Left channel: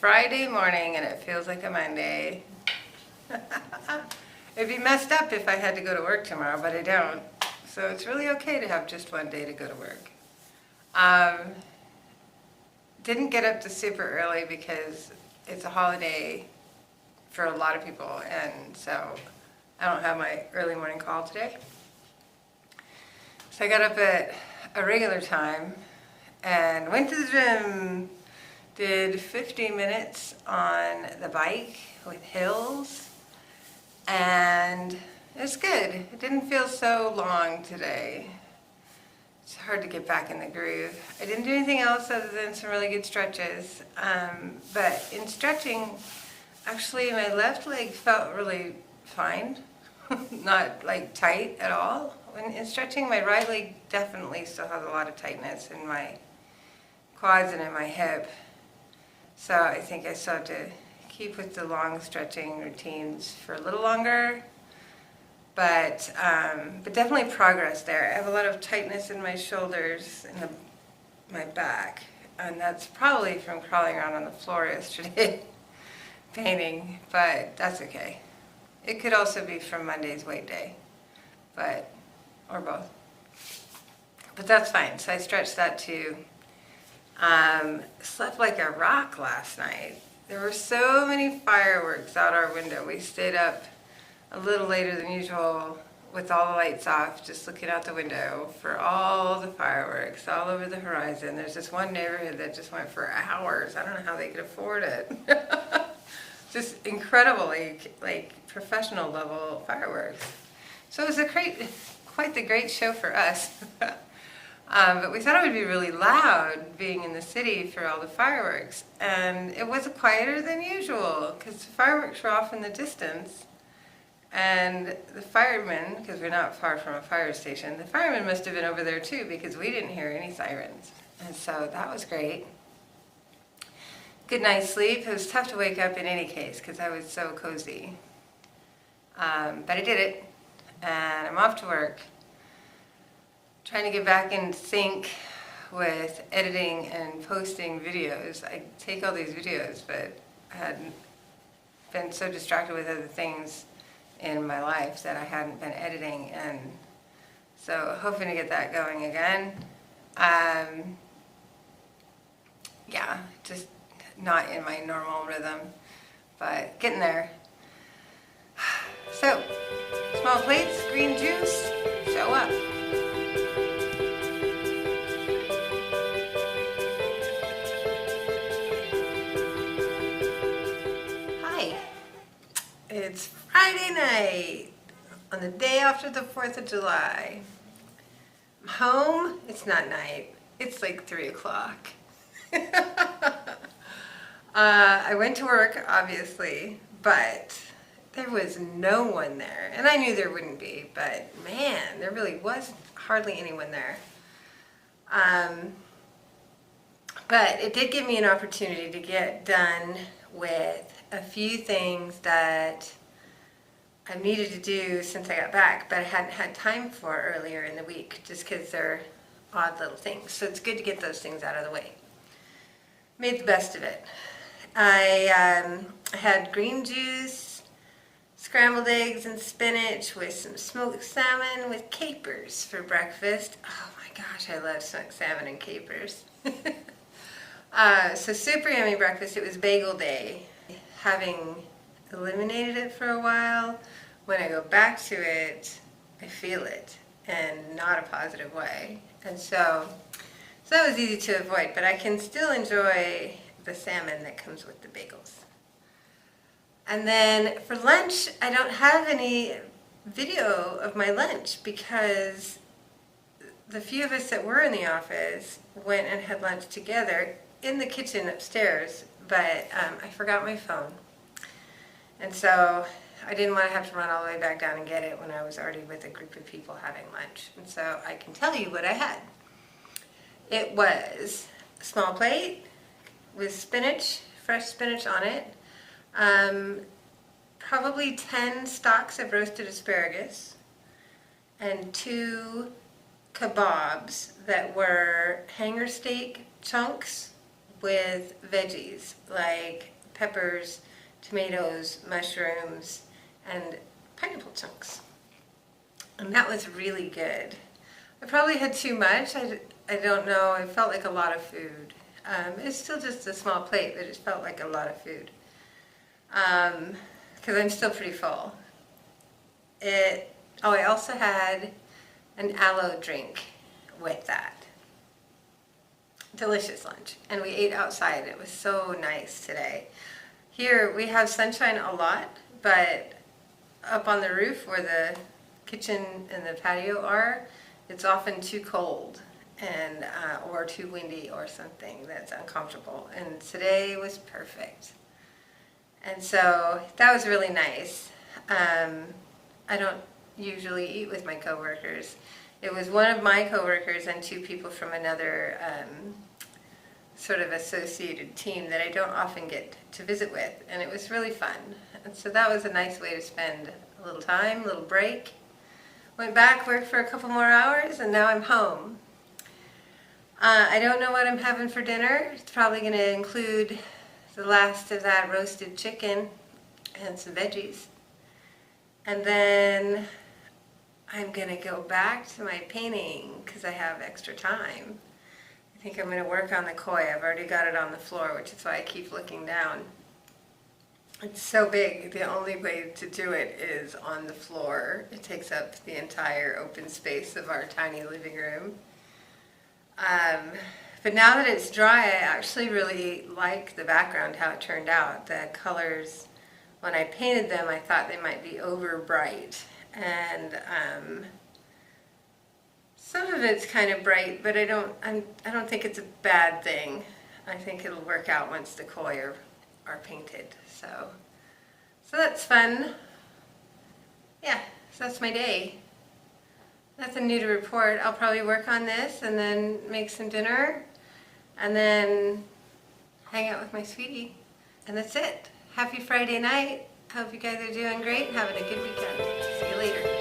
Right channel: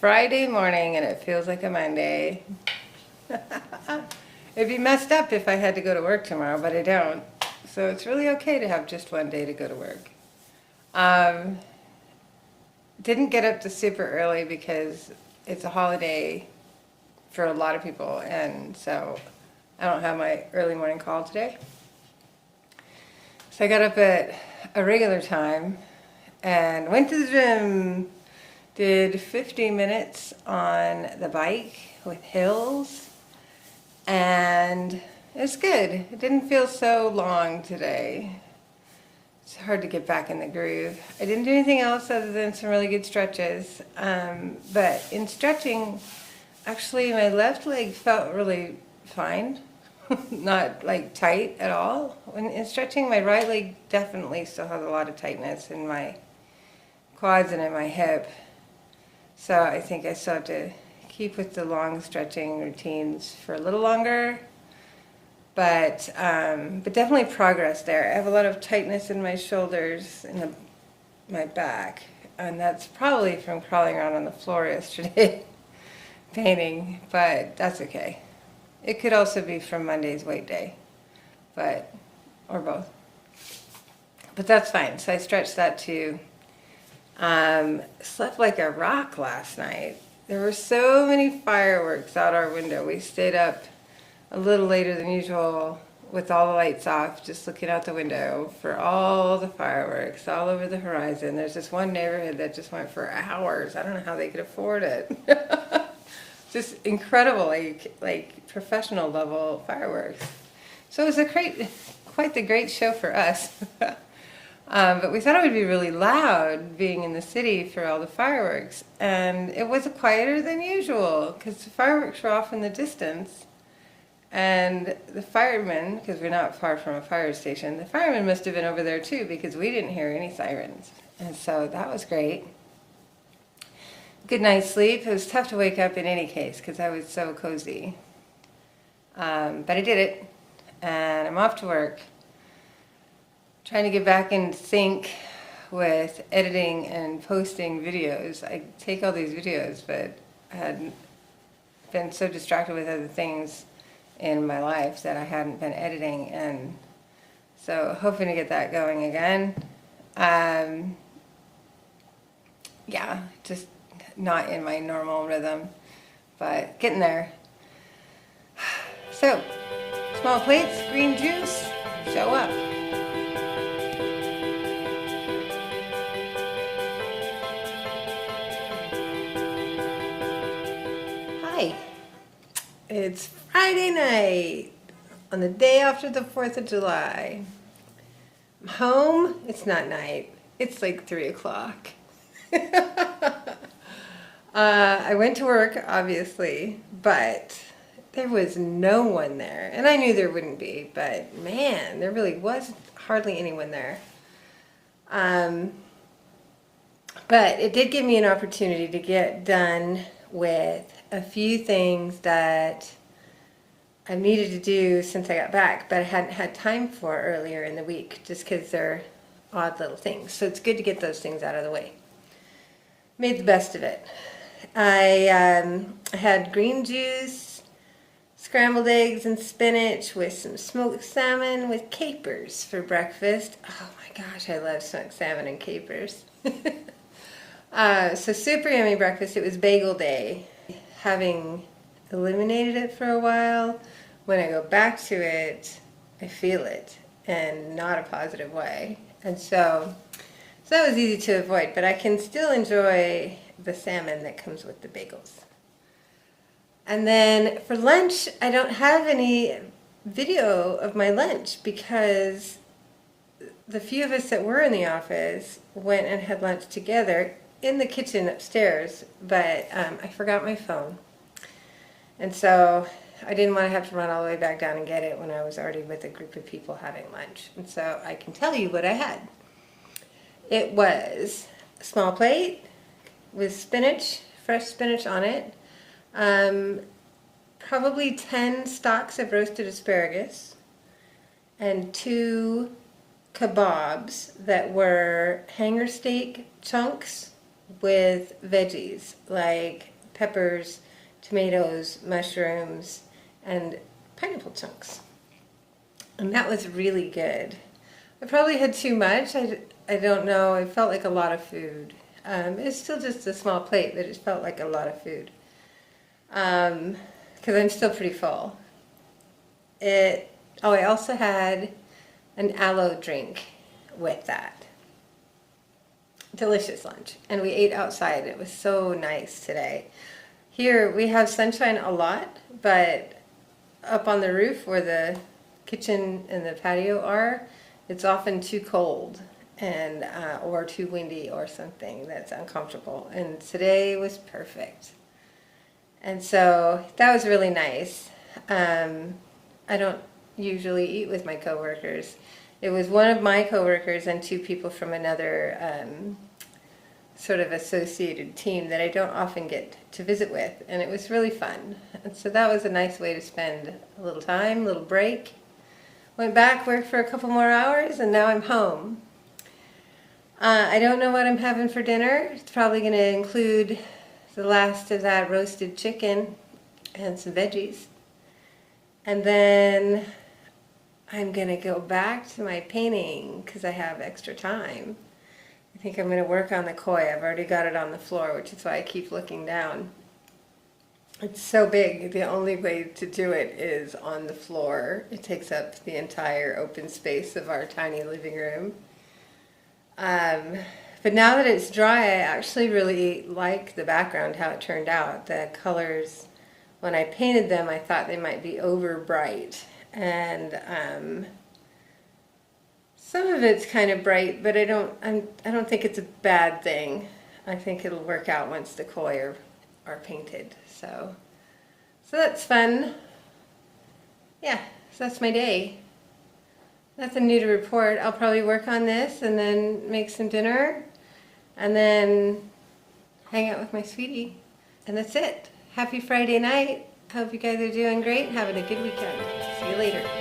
Friday morning and it feels like a Monday. It'd be messed up if I had to go to work tomorrow, but I don't. So it's really okay to have just one day to go to work. Didn't get up to super early because it's a holiday for a lot of people, and so I don't have my early morning call today. So I got up at a regular time and went to the gym. Did 50 minutes on the bike with hills, and it's good. It didn't feel so long today. It's hard to get back in the groove. I didn't do anything else other than some really good stretches. But in stretching, actually my left leg felt really fine. Not like tight at all. In stretching, my right leg definitely still has a lot of tightness in my quads and in my hip. So I think I still have to keep with the long stretching routines for a little longer. But definitely progress there. I have a lot of tightness in my shoulders and my back. And that's probably from crawling around on the floor yesterday painting, but that's okay. It could also be from Monday's weight day, or both. But that's fine. So I stretched that too. Slept like a rock last night. There were so many fireworks out our window. We stayed up a little later than usual with all the lights off, just looking out the window for all the fireworks all over the horizon. There's this one neighborhood that just went for hours. I don't know how they could afford it. Just incredible, like professional level fireworks. So it was quite the great show for us. But we thought it would be really loud being in the city for all the fireworks. And it was quieter than usual because the fireworks were off in the distance. And the firemen, because we're not far from a fire station, the firemen must have been over there too because we didn't hear any sirens. And so that was great. Good night's sleep. It was tough to wake up in any case because I was so cozy. But I did it. And I'm off to work. Trying to get back in sync with editing and posting videos. I take all these videos, but I had been so distracted with other things in my life that I hadn't been editing, and so hoping to get that going again. Just not in my normal rhythm, but getting there. So, small plates, green juice, show up. Hi, it's Friday night on the day after the 4th of July. I'm home. It's not night. It's like 3 o'clock. I went to work, obviously, but there was no one there. And I knew there wouldn't be, but man, there really was hardly anyone there. But it did give me an opportunity to get done with a few things that I needed to do since I got back, but I hadn't had time for earlier in the week, just because they're odd little things. So it's good to get those things out of the way. Made the best of it. I had green juice, scrambled eggs and spinach with some smoked salmon with capers for breakfast. Oh my gosh, I love smoked salmon and capers. So super yummy breakfast. It was bagel day. Having eliminated it for a while, when I go back to it, I feel it, and not a positive way. And so that was easy to avoid, but I can still enjoy the salmon that comes with the bagels. And then for lunch, I don't have any video of my lunch because the few of us that were in the office went and had lunch together in the kitchen upstairs, but I forgot my phone. And so I didn't want to have to run all the way back down and get it when I was already with a group of people having lunch. And so I can tell you what I had. It was a small plate with spinach, fresh spinach on it, probably 10 stalks of roasted asparagus, and 2 kebabs that were hanger steak chunks with veggies like peppers, tomatoes, mushrooms, and pineapple chunks. And that was really good. I probably had too much. I don't know. It felt like a lot of food. It's still just a small plate, but it felt like a lot of food. Because I'm still pretty full. I also had an aloe drink with that. Delicious lunch. And we ate outside. It was so nice today. Here we have sunshine a lot, but up on the roof where the kitchen and the patio are, it's often too cold and or too windy or something that's uncomfortable. And today was perfect. And so that was really nice. I don't usually eat with my coworkers. It was one of my coworkers and two people from another sort of associated team that I don't often get to visit with, and it was really fun. And so that was a nice way to spend a little time, a little break. Went back, worked for a couple more hours, and now I'm home. I don't know what I'm having for dinner. It's probably going to include the last of that roasted chicken and some veggies. And then I'm going to go back to my painting because I have extra time. I think I'm going to work on the koi. I've already got it on the floor, which is why I keep looking down. It's so big, the only way to do it is on the floor. It takes up the entire open space of our tiny living room. But now that it's dry, I actually really like the background, how it turned out. The colors, when I painted them, I thought they might be over bright. And some of it's kind of bright, but I don't think it's a bad thing. I think it'll work out once the koi are painted. So that's fun. Yeah, so that's my day. Nothing new to report. I'll probably work on this and then make some dinner and then hang out with my sweetie. And that's it. Happy Friday night. Hope you guys are doing great and having a good weekend. See you later.